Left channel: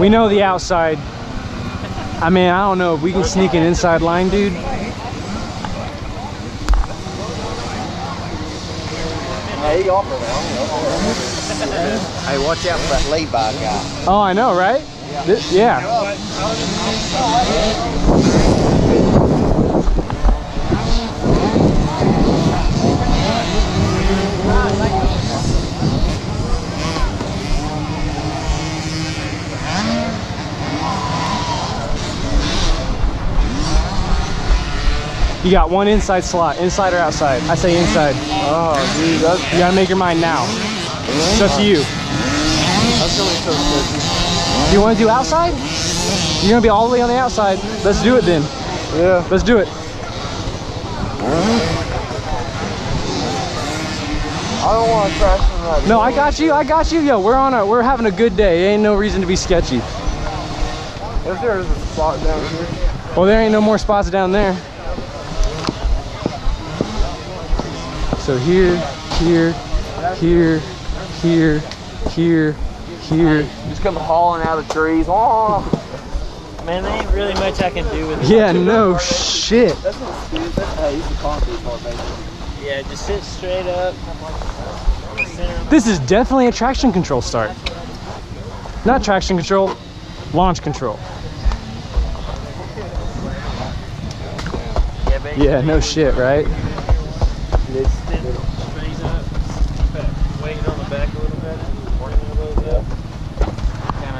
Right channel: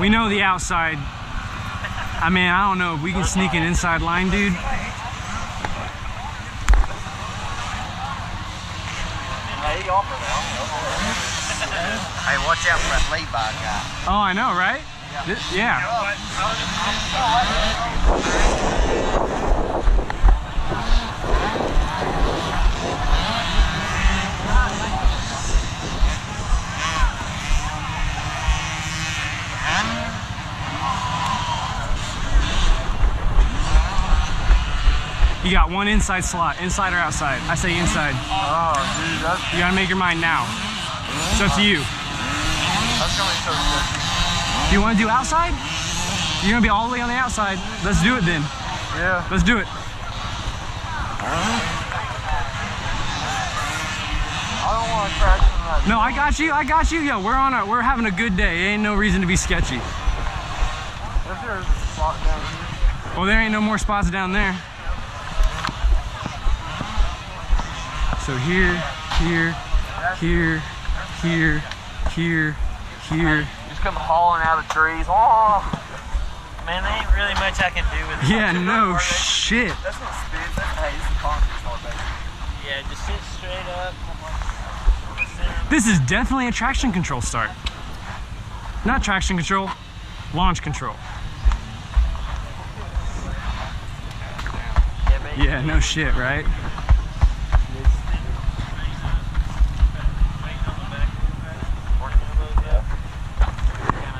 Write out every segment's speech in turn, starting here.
We know the outside. I mean, I don't know if we can sneak an inside line, dude. Hey, watch out for that lay-by guy. Oh, I know, right? Yeah. You got one inside slot, inside or outside? I say inside. Oh, dude, you gotta make your mind now. It's up to you. That's gonna be so tricky. Do you want to do outside? You're gonna be all the way on the outside. Let's do it then. Yeah. Let's do it. I don't want to crash in that. No, I got you. I got you. Yo, we're having a good day. Ain't no reason to be sketchy. If there's a spot down here. Well, there ain't no more spots down there. So here, here, here, here, here, here. Just come hauling out of trees. Oh. Man, there ain't really much I can do with it. Yeah, no shit. That's not speed. Hey, this is a concrete part, basically. Yeah, just sit straight up. This is definitely a traction control start. Not traction control, launch control. Yeah, no shit, right?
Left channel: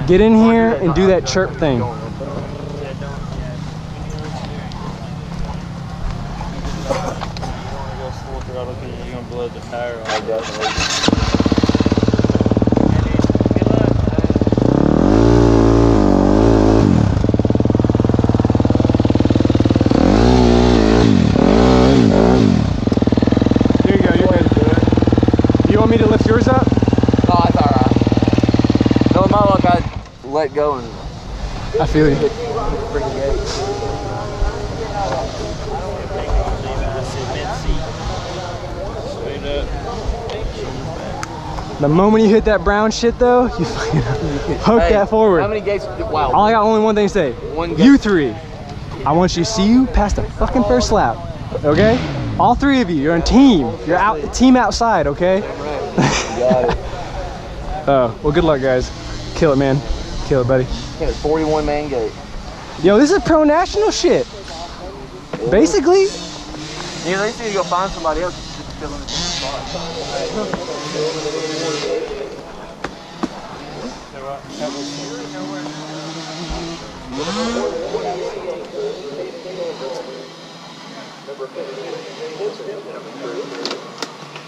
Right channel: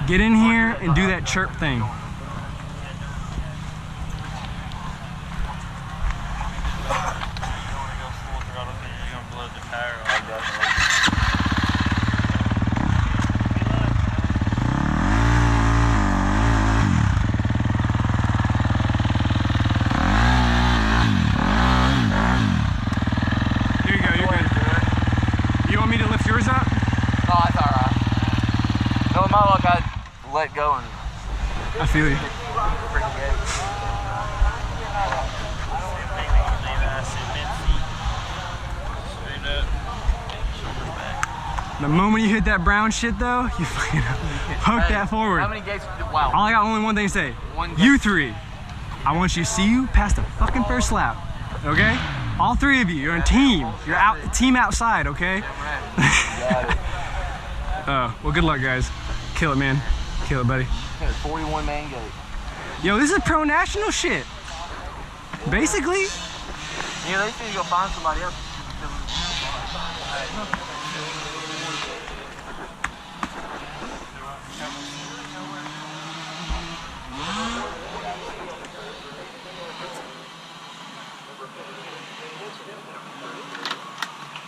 Get in here and do that chirp thing. Here you go, you're good. You want me to lift yours up? No, it's alright. No, my luck, I let go and I feel you. freaking gate. The moment you hit that brown shit though, you fucking hook that forward. How many gates? Wow. I got only one thing to say. One You three. I want you to see you past the fucking first lap. Okay? All three of you. You're on team. You're out team outside, okay? Got it. Well, good luck, guys. Kill it, man. Kill it, buddy. 41 man gate. Yo, this is pro national shit. Basically. Yeah, they need to go find somebody else to kill them in the spot.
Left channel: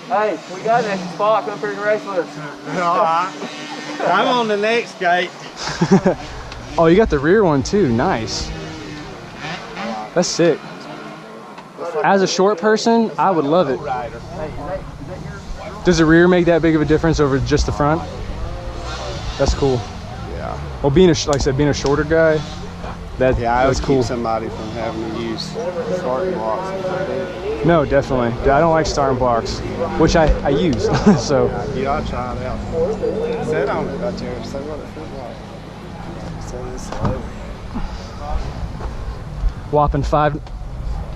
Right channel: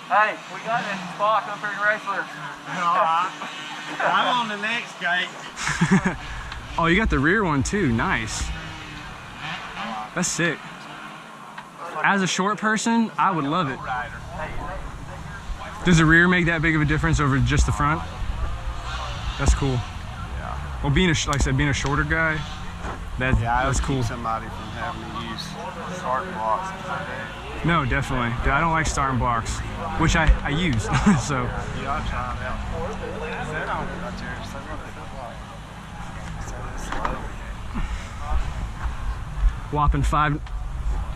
Hey, we got an extra spot. Come for the race with us. Alright. I'm on the next gate. Oh, you got the rear one too. Nice. That's sick. As a short person, I would love it. Does the rear make that big of a difference over just the front? That's cool. Yeah. Well, being like I said, being a shorter guy, that's cool. Keep somebody from having to use starting blocks. No, definitely. I don't like starting blocks, which I use. So. Yeah, I tried it out. Said on it right there. So what it feels like. Whopping 5.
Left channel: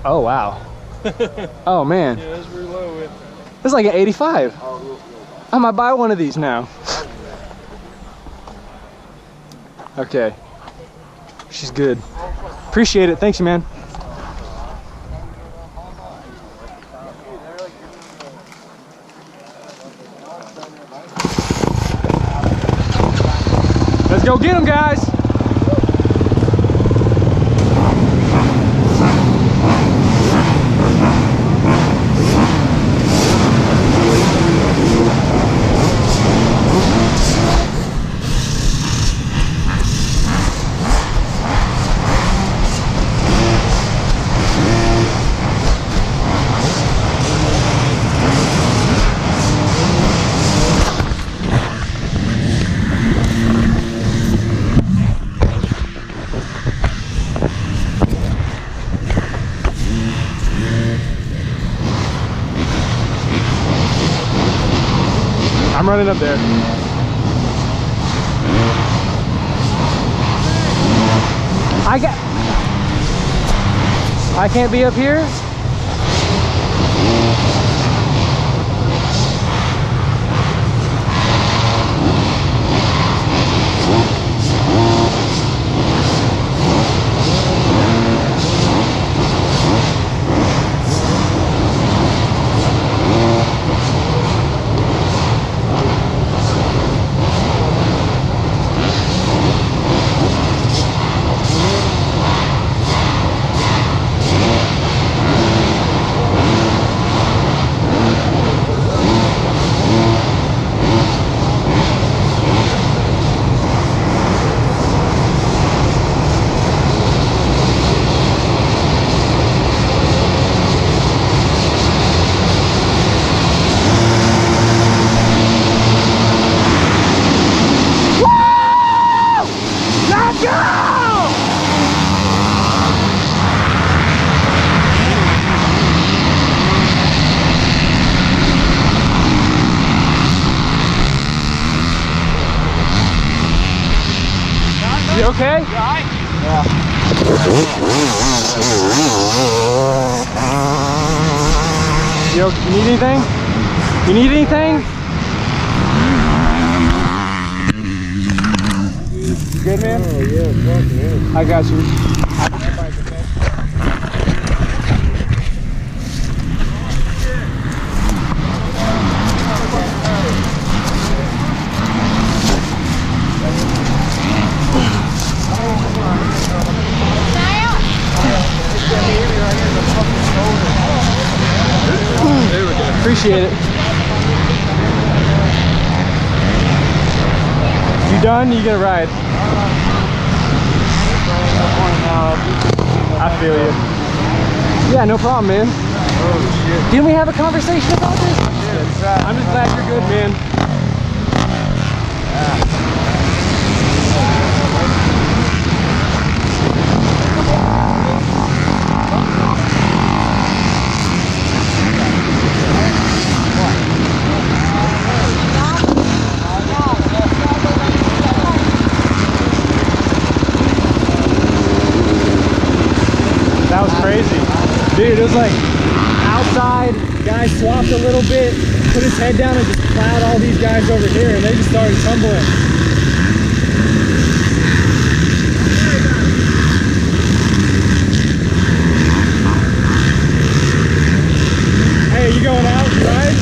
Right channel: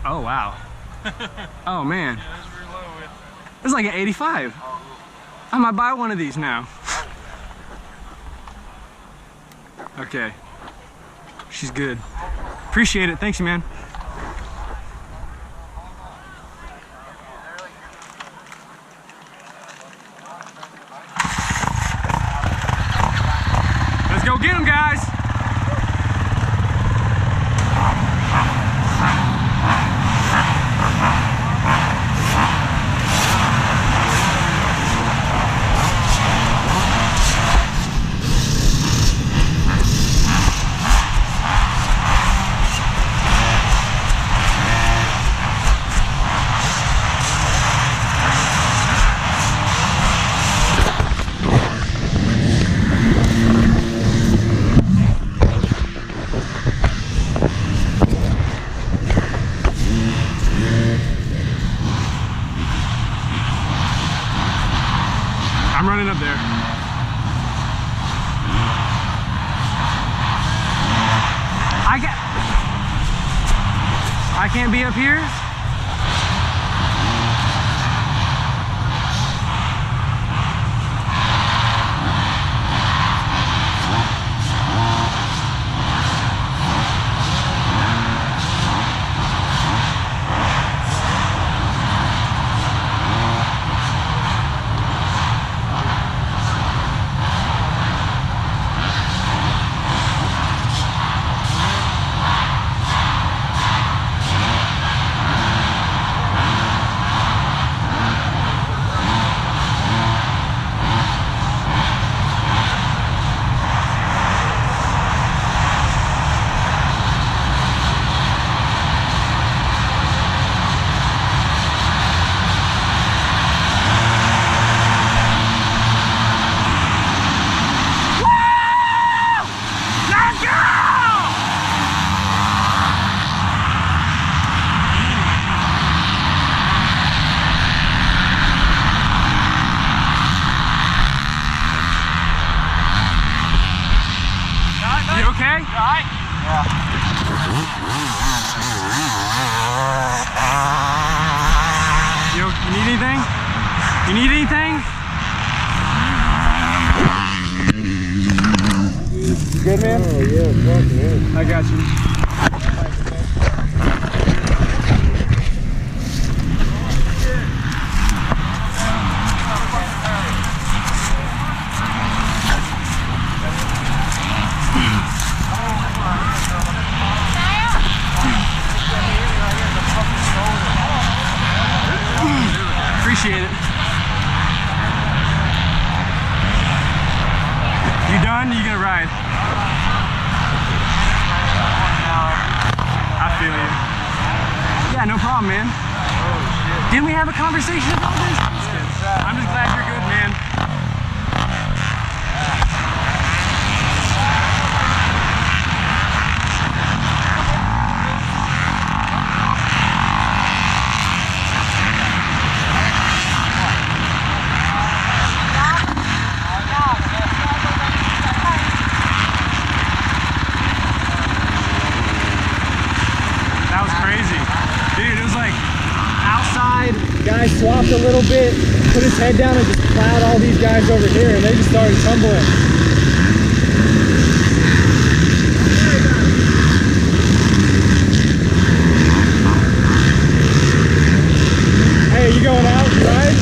Oh wow. Oh man. Yeah, that's really low with. It's like an 85. I might buy one of these now. Okay. She's good. Appreciate it. Thanks, man. Let's go get them, guys. I'm running up there. I can't be up here? You okay? You alright? You need anything? You need anything? You good, man? Oh yeah, fuck man. I got you. Appreciate it. You done? You gonna ride? I feel you. Yeah, no problem, man. Oh shit. Didn't we have a conversation about this? I'm just glad you're good, man. Crazy. Dude, it was like outside, guy swapped a little bit, put his head down and just plowed all these guys over here and they just started tumbling. Hey, you going out, right?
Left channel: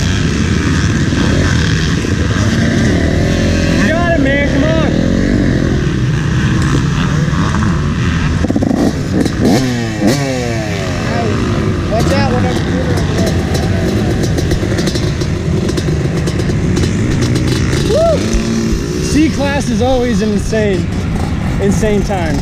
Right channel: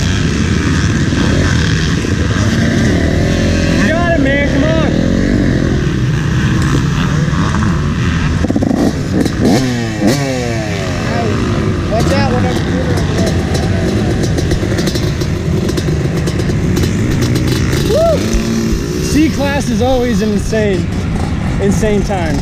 You got it, man, come on. Watch out whenever you're Woo! C-class is always an insane time.